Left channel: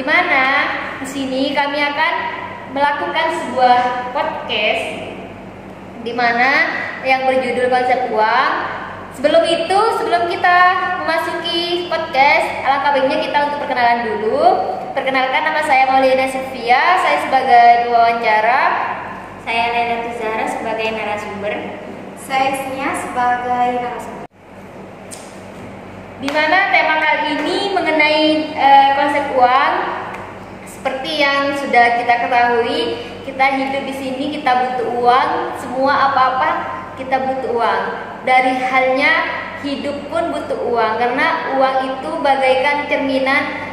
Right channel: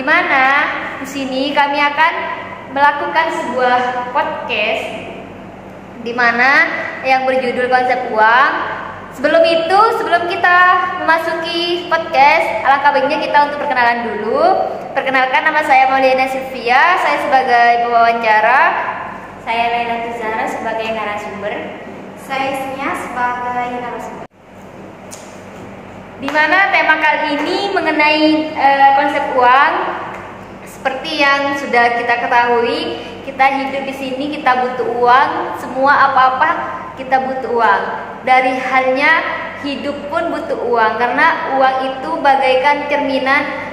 di mana di sini kami akan melakukan sebuah podcast di mana yang berjudul konsep uang. Sebelum kita memasuki podcast, alangkah baiknya kita untuk perkenalan dulu. Perkenalkan, nama saya Maulina Sylvia, saya sebagai pewawancara. Saya Laila Tuzara sebagai narasumber. Saya Nia sebagai narasumber. Di mana tema kali ini mengenai konsep uang. Seperti yang sudah kita ketahui, kita hidup di sini, kita butuh uang. Semua apa-apa kita butuh uang. Dari halnya hidup pun butuh uang, karena uang itu bagaikan cerminan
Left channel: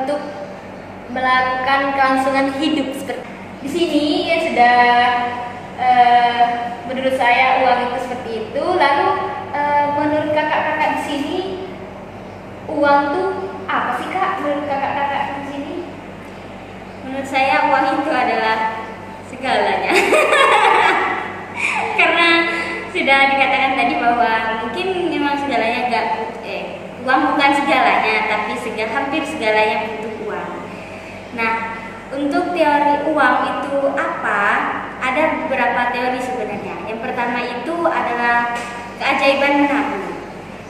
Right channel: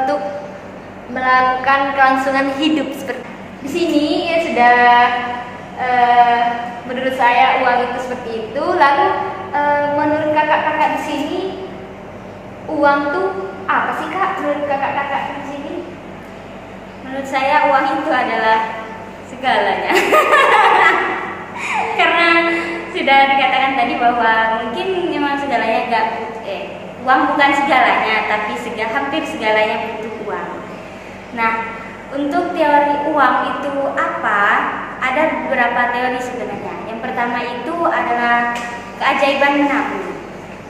untuk melakukan kelangsungan hidup. Seperti di sini ya sudah, menurut saya uang itu seperti itu. Lalu menurut kakak-kakak di sini, uang tuh apa sih kak? Menurut kakak-kakak di sini? Menurut saya uang itu adalah segalanya. Karena sudah dikatakan tadi bahwa mungkin memang segalanya uang bukan segalanya, tapi hampir segalanya butuh uang. Nah, untuk teori uang itu apa? Ada beberapa teori sebenarnya. Yang pertama itu adalah keajaiban menabung.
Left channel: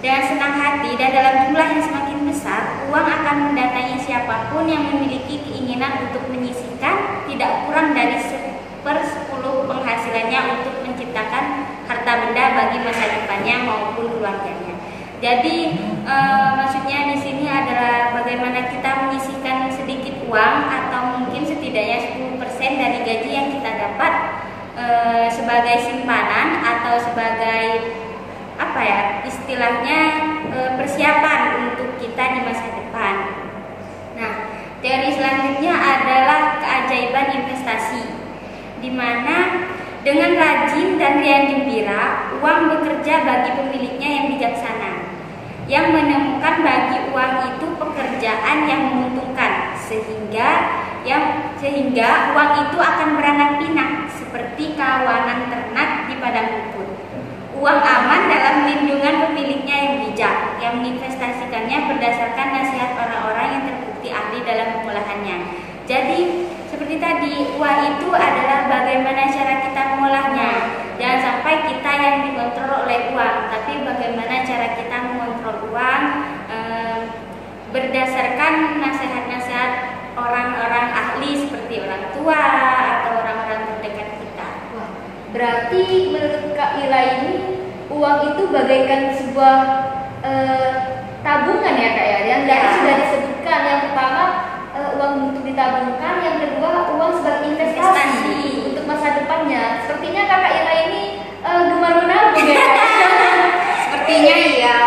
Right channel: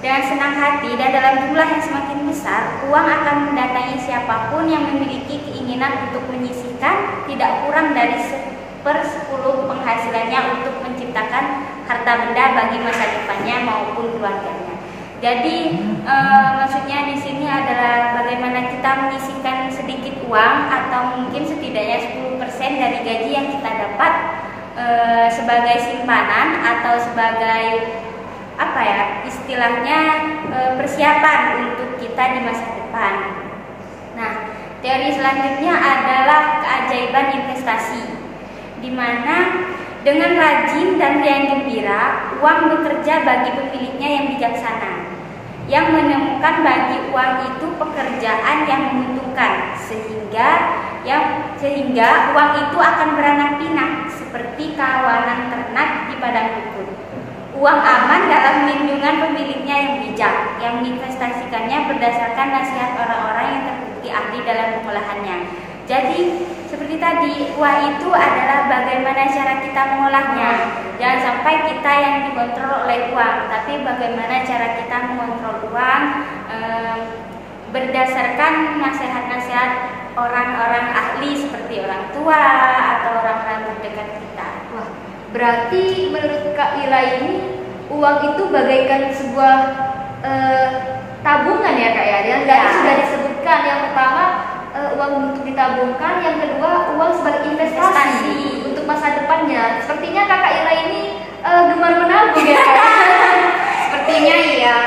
Dengan senang hati dan dalam jumlah yang semakin besar, uang akan mendatangi siapapun yang memiliki keinginan untuk menyisihkan tidak kurang dari 1/10 penghasilannya untuk menciptakan harta benda bagi masa depannya maupun keluarganya. Jadi maksudnya di sini adalah bagaimana kita menyisihkan sedikit uang atau mungkin setidaknya 10% dari gaji yang kita dapat sebagai simpanan atau sebagai istilahnya persiapan untuk kita di masa depan. Nah, teori selanjutnya adalah keajaiban investasi, di mana dengan rajin dan riang gembira, uang bekerja bagi pemiliknya yang bijaksana, yang menemukan bagi uang itu pekerjaan yang menguntungkan, sehingga uang itu akan beranak pinak seperti kawanan ternak di padang rumput. Uang aman dalam lindungan pemiliknya yang bijak, yang menginvestasikannya berdasarkan nasihat orang-orang yang terbukti ahli dalam pengolahannya. Jadi seperti tadi, uang itu adalah bagaimana cara kita mengolahnya. Jangan sampai kita yang dikontrol oleh uang, tapi bagaimana cara kita mengontrol uang berdasarkan nasihat-nasihat orang-orang ahli seperti orang tua atau orang-orang terdekat kita. Wah, berarti menurut Kak Ila ini uang itu bagaikan sebuah tabungan ya Kak ya? Yang tadi sudah disebutkan, yang pertama uang untuk ditabungkan, yang kedua uang sebagai investasi untuk masa depannya. Sepertinya Kakak Ila ini gemar menabung ya Kak? Sepertinya iya.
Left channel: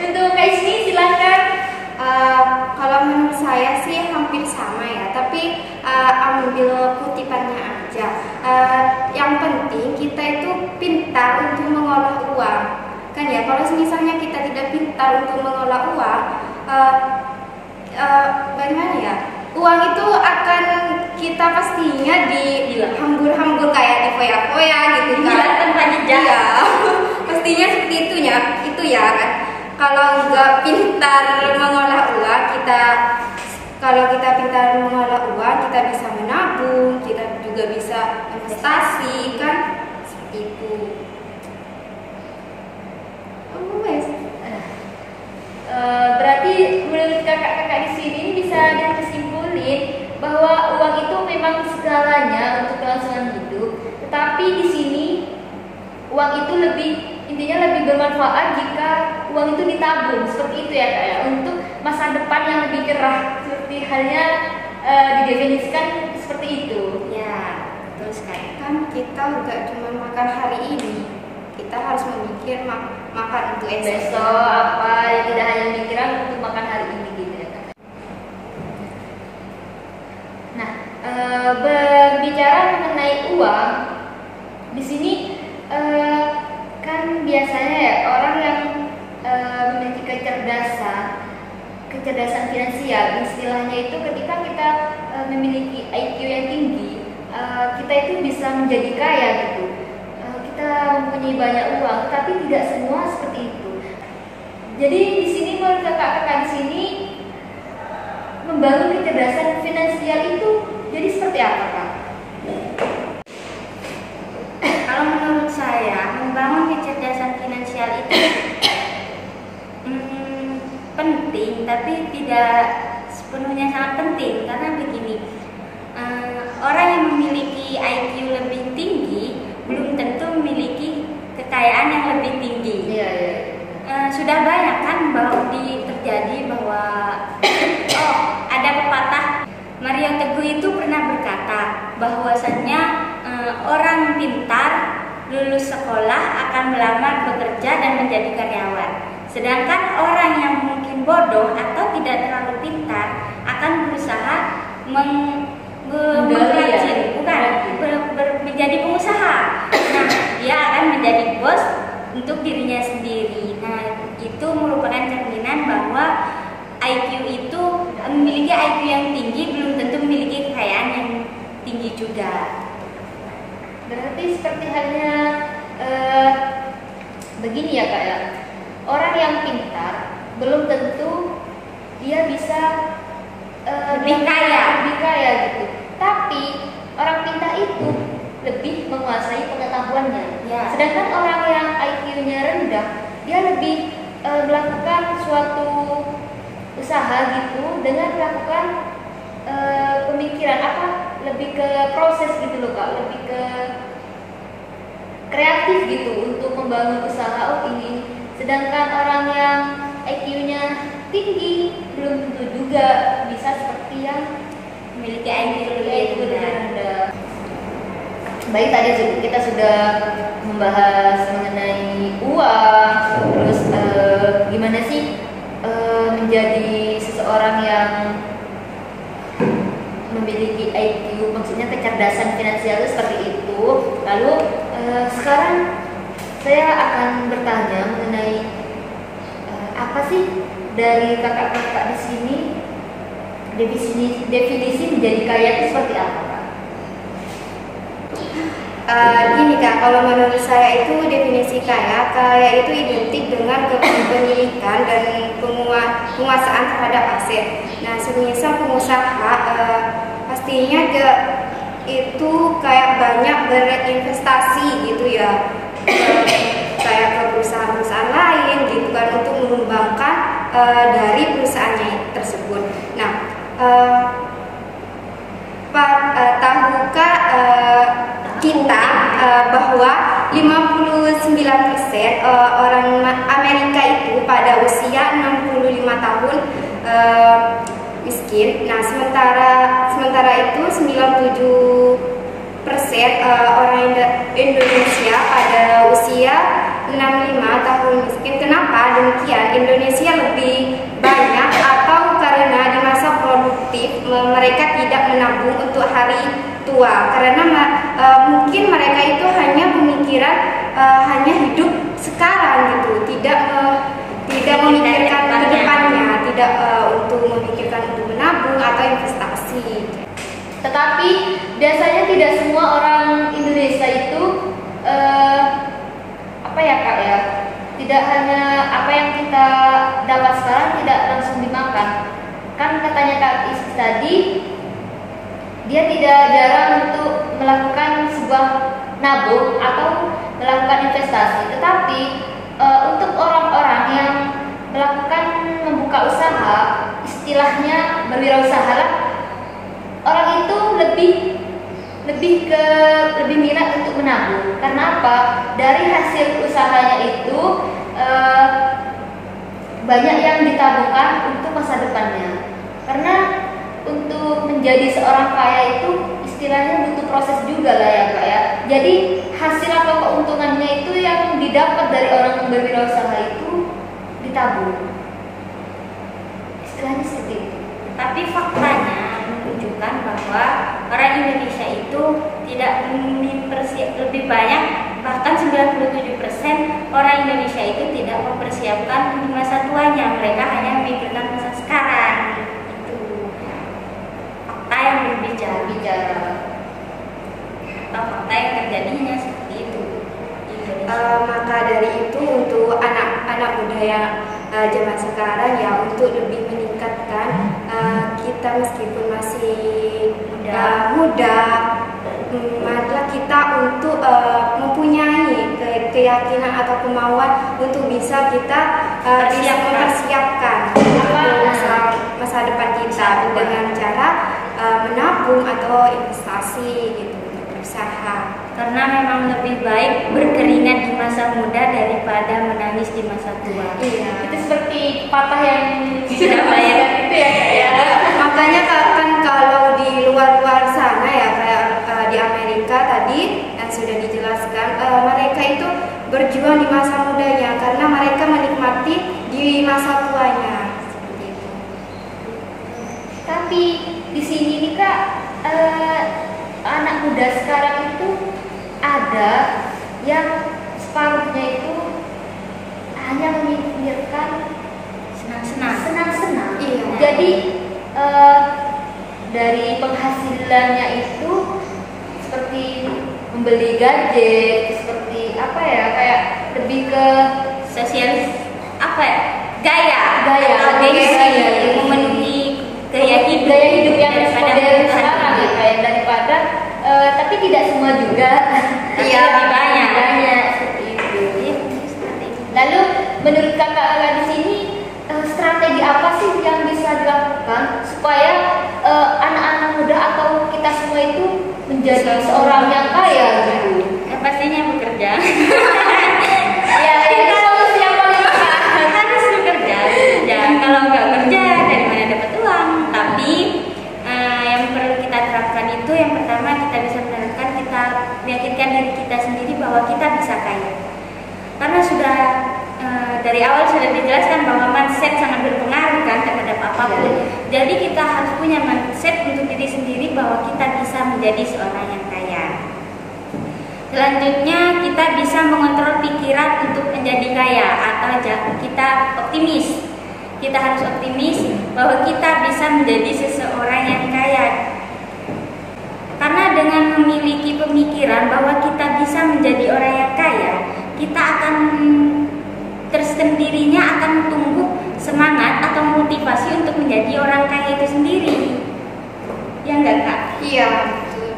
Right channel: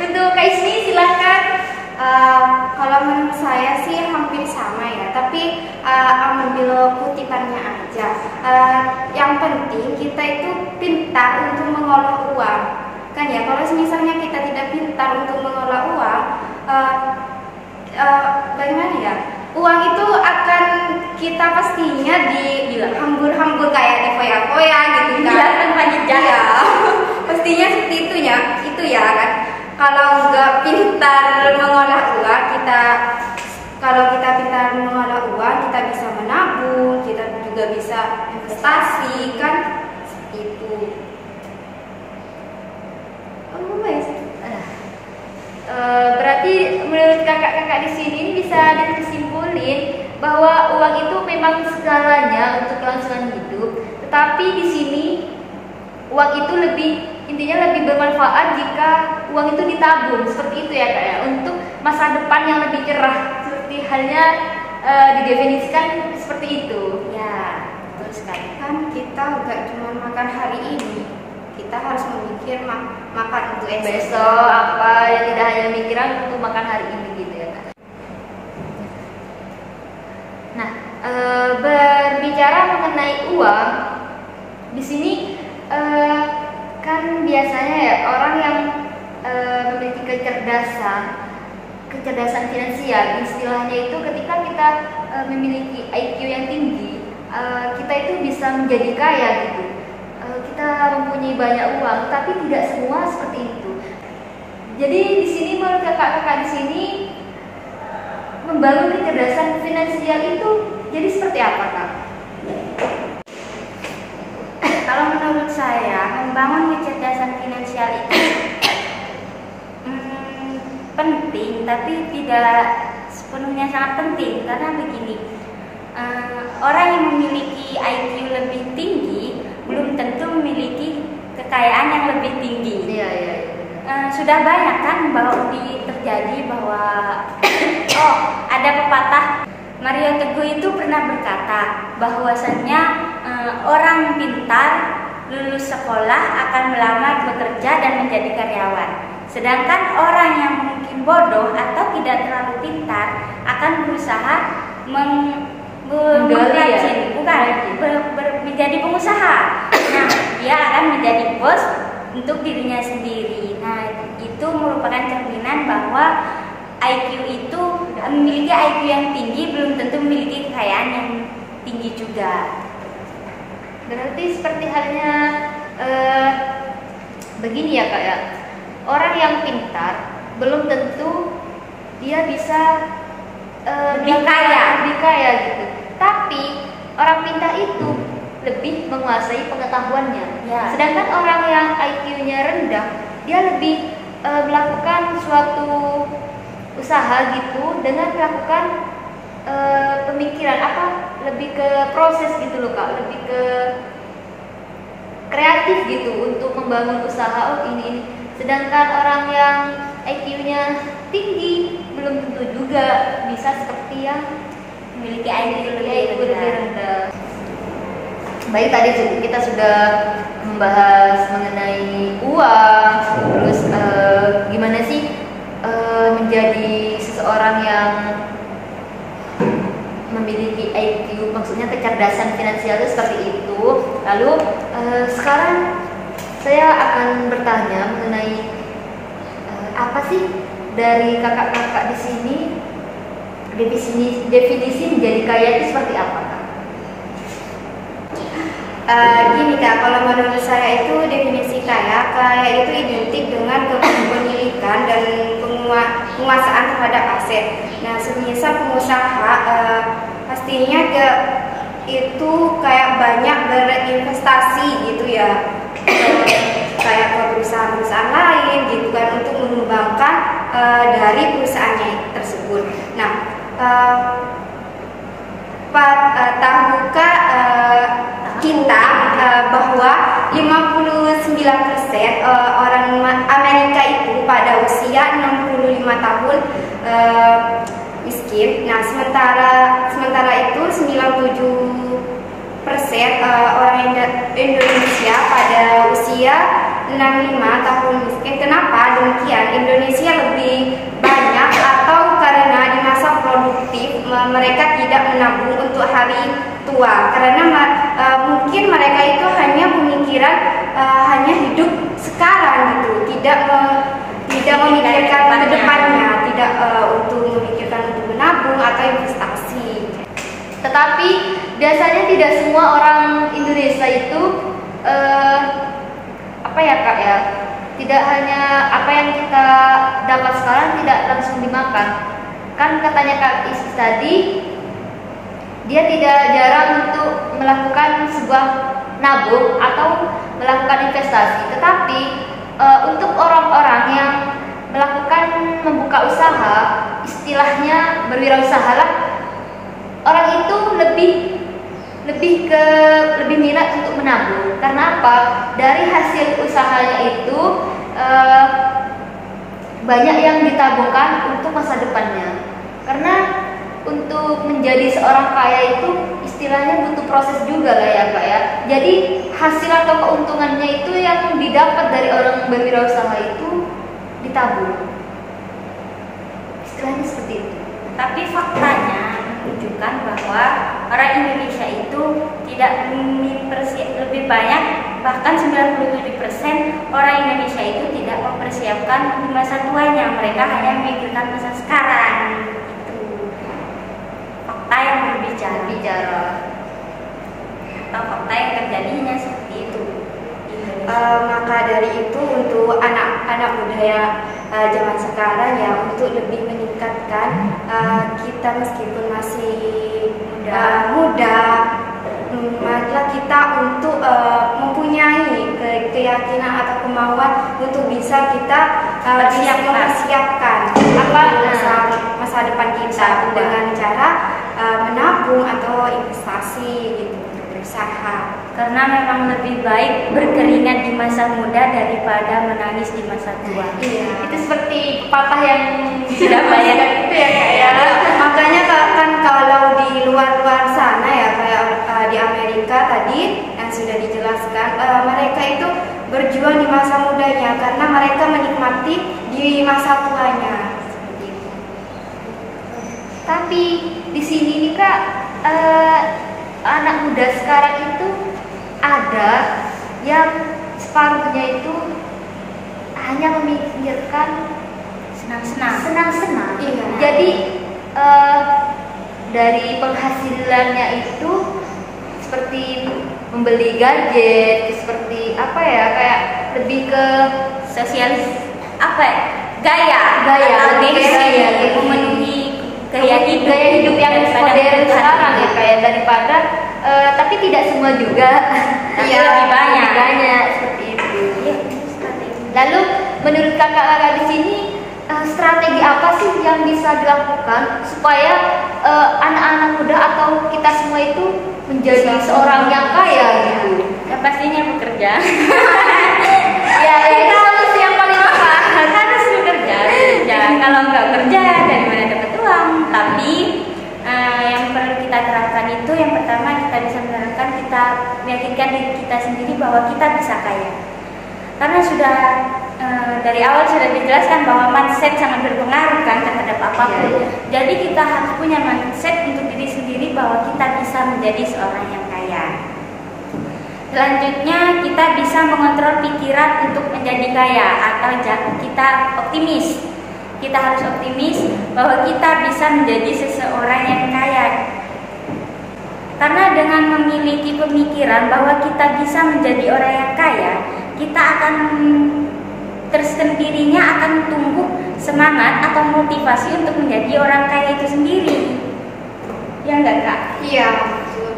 Untuk Kak Isni silakan. Kalau menurut saya sih hampir sama ya, tapi ambil kutipannya aja. Yang penting kita itu pintar untuk mengolah uang, kan ya. Kalau misalnya kita tidak pintar untuk mengolah uang, bagaimana ya? Uang itu akan kita pastinya dihambur-hambur kayak di foya-foya gitu kan. Tanpa jejak. Iya. Pastinya seperti itu ya kan. Kalau nggak pintar mengolah uang, kalau kita pintar mengolah uang, kita bisa menabung, kita juga bisa investasi kan, seperti itu. Berarti menurut kakak-kakak di sini bisa disimpulin bahwa uang itu memang segalanya untuk kelangsungan hidup. Tetapi di sini uang itu intinya lebih bermanfaat jika uang itu ditabung, seperti itu ya Kak ya, untuk masa depan yang lebih cerah, seperti halnya didefinisikan seperti itu. Ya, betul sekali. Kan kita nggak cuma makan hari ini, kita harus memikir makan untuk Besok apa, tidak hanya mikiran untuk makan hari ini gitu ya Kak. Nah, berbicara mengenai uang, di sini kan biasanya ya orang yang memiliki kecerdasan finansial, istilahnya itu ketika kita memiliki IQ yang tinggi, kita itu bisa menjadi kaya gitu. Kita mempunyai banyak uang, tapi tidak semua seperti itu. Jadi di sini menurut kakak-kakak di sini, membangun kecerdasan finansial itu jadi seperti apa, Kak? Kalau menurut saya, membangun kecerdasan finansial itu penting, tapi tidak sepenuhnya sangat penting. Karena begini, orang yang memiliki IQ lebih tinggi belum tentu memiliki kekayaan yang lebih tinggi. Iya. Sudah banyak kan terjadi bahwa ada pepatah Mario Teguh itu pernah berkata bahwasannya orang pintar lulus sekolah akan melamar bekerja dan menjadi karyawan. Sedangkan orang yang mungkin bodoh atau tidak terlalu pintar akan berusaha menjadi pengusaha. Nah, dia akan menjadi bos untuk dirinya sendiri. Nah, itu merupakan cerminan bahwa IQ itu memiliki IQ yang tinggi belum tentu memiliki kekayaan yang tinggi juga. Berarti seperti halnya begini ya, Kak ya. Orang yang pintar belum tentu dia bisa lebih kaya gitu. Tapi orang pintar itu lebih menguasai pengetahuannya. Ya. Sedangkan orang yang IQ-nya rendah, dia lebih melakukan suatu usaha gitu dengan melakukan pemikiran lebih ke proses gitu loh, Kak, lebih ke kreatif gitu untuk membangun usaha ini. Sedangkan orang yang IQ-nya tinggi belum tentu juga bisa seperti yang memiliki IQ lebih rendah. Baik, tadi kita sudah membahas mengenai uang, terus gimana sih menjadi seseorang yang memiliki IQ, maksudnya kecerdasan finansial itu seperti itu. Lalu sekarang saya akan bertanya mengenai apa sih dari kakak-kakak di sini definisi menjadi kaya itu seperti apa, Kak? Gini Kak, kalau menurut saya itu definisi kaya itu identik dengan kepemilikan dan penguasaan terhadap aset. Nah, semisal pengusaha pastinya itu kayak banyak berinvestasi gitu ya, kayak ke perusahaan-perusahaan lain gitu kan untuk mengembangkan dari perusahaannya tersebut. Nah, tahukah kita bahwa 59% orang Amerika itu pada usia 65 tahun miskin. Nah, sementara itu 97% orang Indonesia pada usia 65 tahun miskin. Kenapa demikian? Indonesia lebih banyak atau karena di masa produktif mereka tidak menabung untuk hari tua, karena mungkin mereka itu hanya pemikiran hanya hidup sekarang gitu, tidak memikirkan ke depannya, tidak untuk memikirkan untuk menabung atau investasi. Tetapi biasanya tidak semua orang Indonesia itu apa ya, Kak ya, tidak hanya apa yang kita dapat sekarang tidak langsung dimakan. Kan katanya Kak Is tadi, dia tidak jarang untuk melakukan sebuah nabung atau melakukan investasi. Tetapi untuk orang-orang yang melakukan membuka usaha, istilahnya berwirausaha lah, orang itu lebih minat untuk menabung. Karena apa? Dari hasil usahanya itu banyak yang ditabungkan untuk masa depannya. Karena untuk menjadi seorang kaya itu istilahnya butuh proses juga lah ya, Kak ya. Jadi hasil atau keuntungannya itu yang didapat dari orang berwirausaha itu ditabung. Istilahnya seperti itu. Tapi faktanya menunjukkan bahwa orang Indonesia itu tidak lebih banyak, bahkan 97% orang Indonesia itu tidak mempersiapkan di masa tuanya. Mereka hanya memikirkan masa sekarang. Itu fakta yang berbicara. Atau fakta yang terjadinya seperti itu. Maka dari itu untuk anak-anak muda yang zaman sekarang ya, untuk lebih meningkatkan mengingatkan kita meskipun masih muda, marilah kita untuk mempunyai keyakinan atau kemauan untuk bisa kita mempersiapkan masa depan kita dengan cara menabung atau investasi gitu, berusaha. Karena memang lebih baik berkeringat di masa muda daripada menangis di masa tua. Iya. Itu seperti pepatah yang Sudah banyak itu ya Kak ya. Makanya kan kalau di luar sana ya kayak di Amerika tadi yang sudah dijelaskan, mereka itu berjuang di masa mudanya karena mereka menikmati di masa tuanya. Seperti itu. Tapi di sini nih Kak, anak muda sekarang itu ada yang separuhnya itu hanya memikirkan senang-senang. Iya. Jadi dari penghasilannya itu seperti membeli gadget, seperti apa ya, kayak lebih ke Sosialis gaya gaya memenuhi gaya hidup yang modern sekarang ya kayak daripada tapi tidak semua juga. Iya, lebih banyak seperti itu. Iya. Lalu menurut kakak di sini strategi apa sih yang bisa dilakukan supaya anak-anak muda atau kita semua itu menjadi seorang yang kaya gitu? Ya pastinya bekerja. Ya itu harus yang paling tepat. Harus bekerja. Kalau nggak kerja dari mana dapat uang? Tapi yang perlu kita terapkan itu yang pertama kita bisa menerapkan, kita meyakinkan diri kita sendiri bahwa kita bisa kaya. Karena sudah dari awal sudah dijelaskan bahwa mindset sangat berpengaruh kan terhadap apapun. Jadi kita harus punya mindset untuk diri sendiri bahwa kita bisa menjadi seorang yang kaya. Selanjutnya kita bisa mengontrol pikiran untuk menjadi kaya atau kita optimis. Kita harus optimis bahwa kita bisa menjadi seseorang yang kaya. Karena dengan memiliki pemikiran bahwa kita bisa menjadi orang yang kaya, kita akan tersendirinya akan tumbuh semangat atau motivasi untuk menjadi orang kaya itu sendiri. Ya enggak Kak? Iya, betul.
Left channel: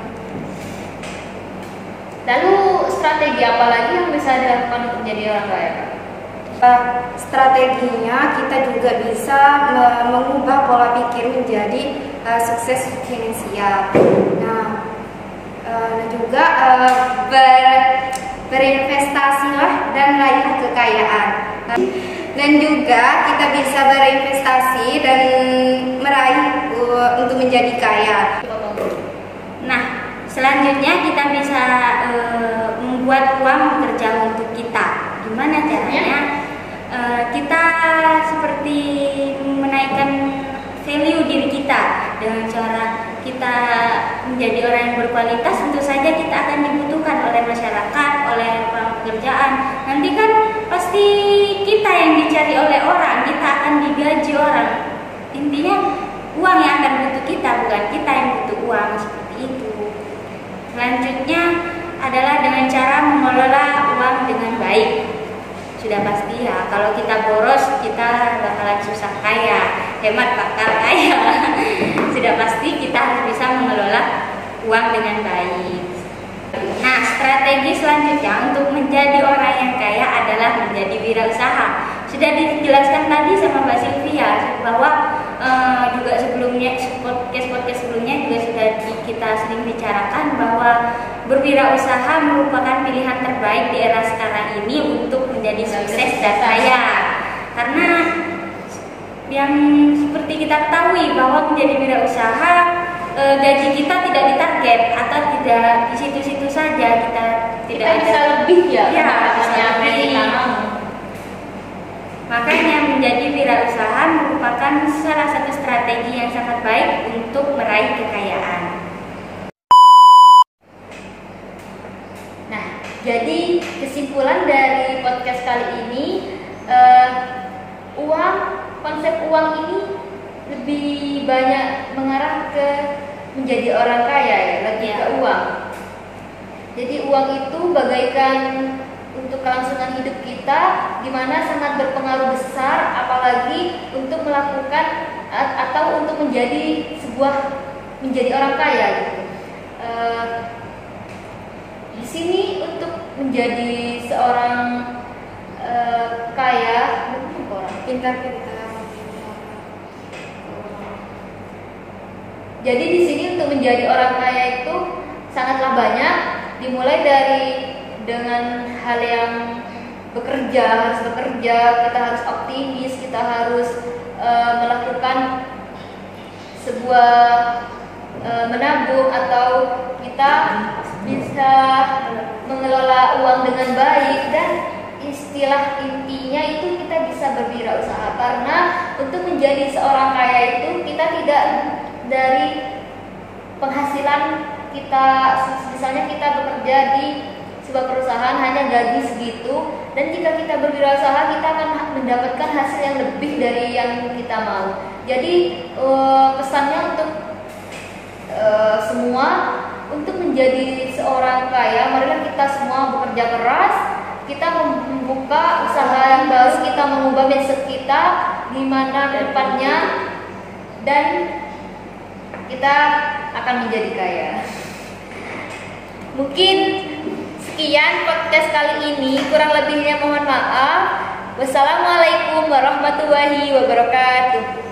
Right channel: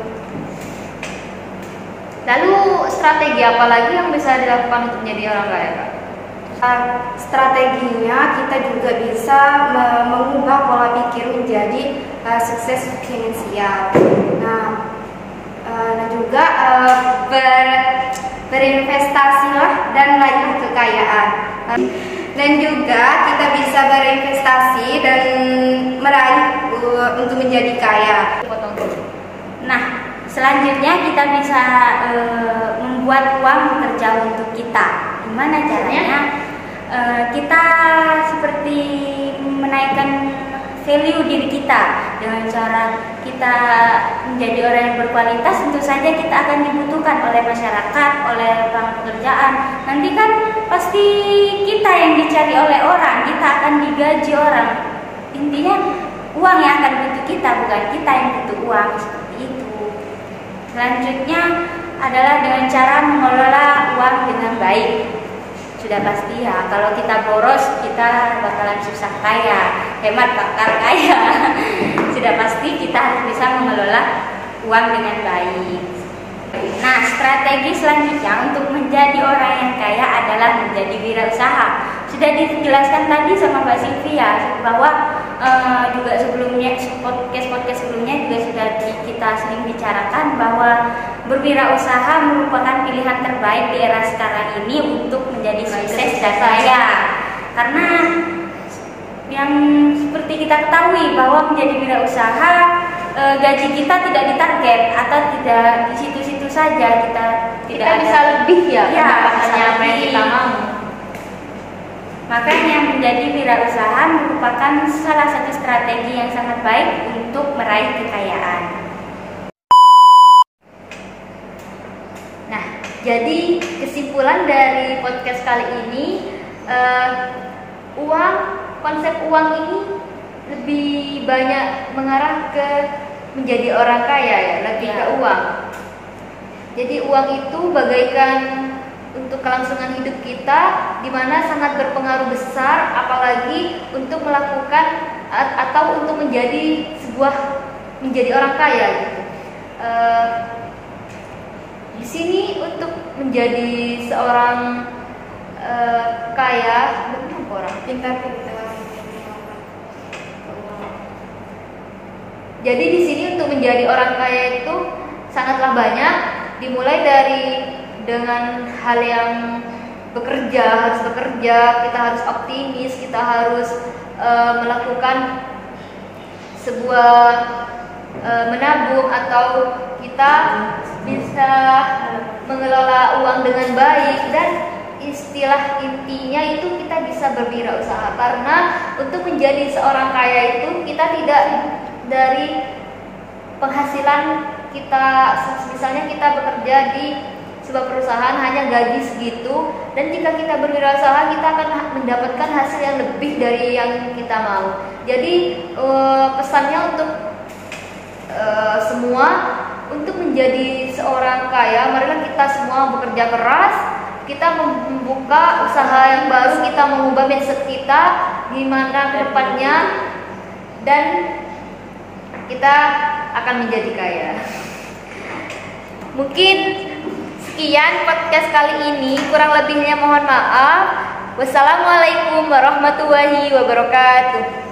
Lalu strategi apa lagi yang bisa dilakukan untuk menjadi orang kaya Kak? Strateginya kita juga bisa mengubah pola pikir menjadi sukses finansial. Nah juga berinvestasilah dan raih kekayaan. Dan juga kita bisa berinvestasi dan meraih untuk menjadi kaya. Nah, selanjutnya kita bisa membuat uang bekerja untuk kita. Gimana caranya? Kita seperti menaikkan value diri kita dengan cara kita menjadi orang yang berkualitas. Tentu saja kita akan dibutuhkan oleh masyarakat, oleh pekerjaan. Nanti kan pasti kita yang dicari oleh orang, kita akan digaji orang. Intinya uang yang akan butuh kita, bukan kita yang butuh uang, seperti itu. Selanjutnya adalah dengan cara mengelola uang dengan baik. Sudah pasti ya, kalau kita boros kita bakalan susah kaya, hemat bakal kaya. Sudah pasti kita harus bisa mengelola uang dengan baik. Nah, strategi selanjutnya untuk menjadi orang yang kaya adalah menjadi wirausaha. Sudah dijelaskan tadi sama Mbak Sylvia bahwa juga sebelumnya podcast sebelumnya juga sudah kita sering bicarakan bahwa berwirausaha merupakan pilihan terbaik di era sekarang ini untuk menjadi sukses dan kaya. Karena yang seperti kita ketahui bahwa menjadi wirausaha gaji kita tidak ditarget atau tidak di situ-situ saja, kita tidak ada bisa lebih ya, apa yang kita mau. Makanya menjadi wirausaha merupakan salah satu strategi yang sangat baik untuk meraih kekayaan. Nah, jadi kesimpulan dari podcast kali ini, konsep uang ini lebih banyak mengarah ke menjadi orang kaya ya, lagi ke uang. Jadi uang itu bagaikan untuk kelangsungan hidup kita, di mana sangat berpengaruh besar, apalagi untuk melakukan atau untuk menjadi orang kaya gitu. Di sini untuk menjadi seorang kaya, orang Pintar-pintar. Jadi di sini untuk menjadi orang kaya itu sangatlah banyak, dimulai dengan hal yang harus bekerja, kita harus optimis, kita harus melakukan sebuah menabung, atau kita bisa mengelola uang dengan baik, dan istilah intinya itu kita bisa berwirausaha. Karena untuk menjadi seorang kaya itu kita tidak dari penghasilan kita, misalnya kita bekerja di sebuah perusahaan hanya gaji segitu, dan jika kita berwirausaha kita akan mendapatkan hasil yang lebih dari yang kita mau. Jadi pesannya untuk semua, untuk menjadi seorang kaya, marilah kita semua bekerja keras, kita membuka usaha yang baru, kita mengubah mindset kita gimana ke depannya, dan kita akan menjadi kaya. Mungkin sekian podcast kali ini, kurang lebihnya mohon maaf. Wassalamualaikum warahmatullahi wabarakatuh.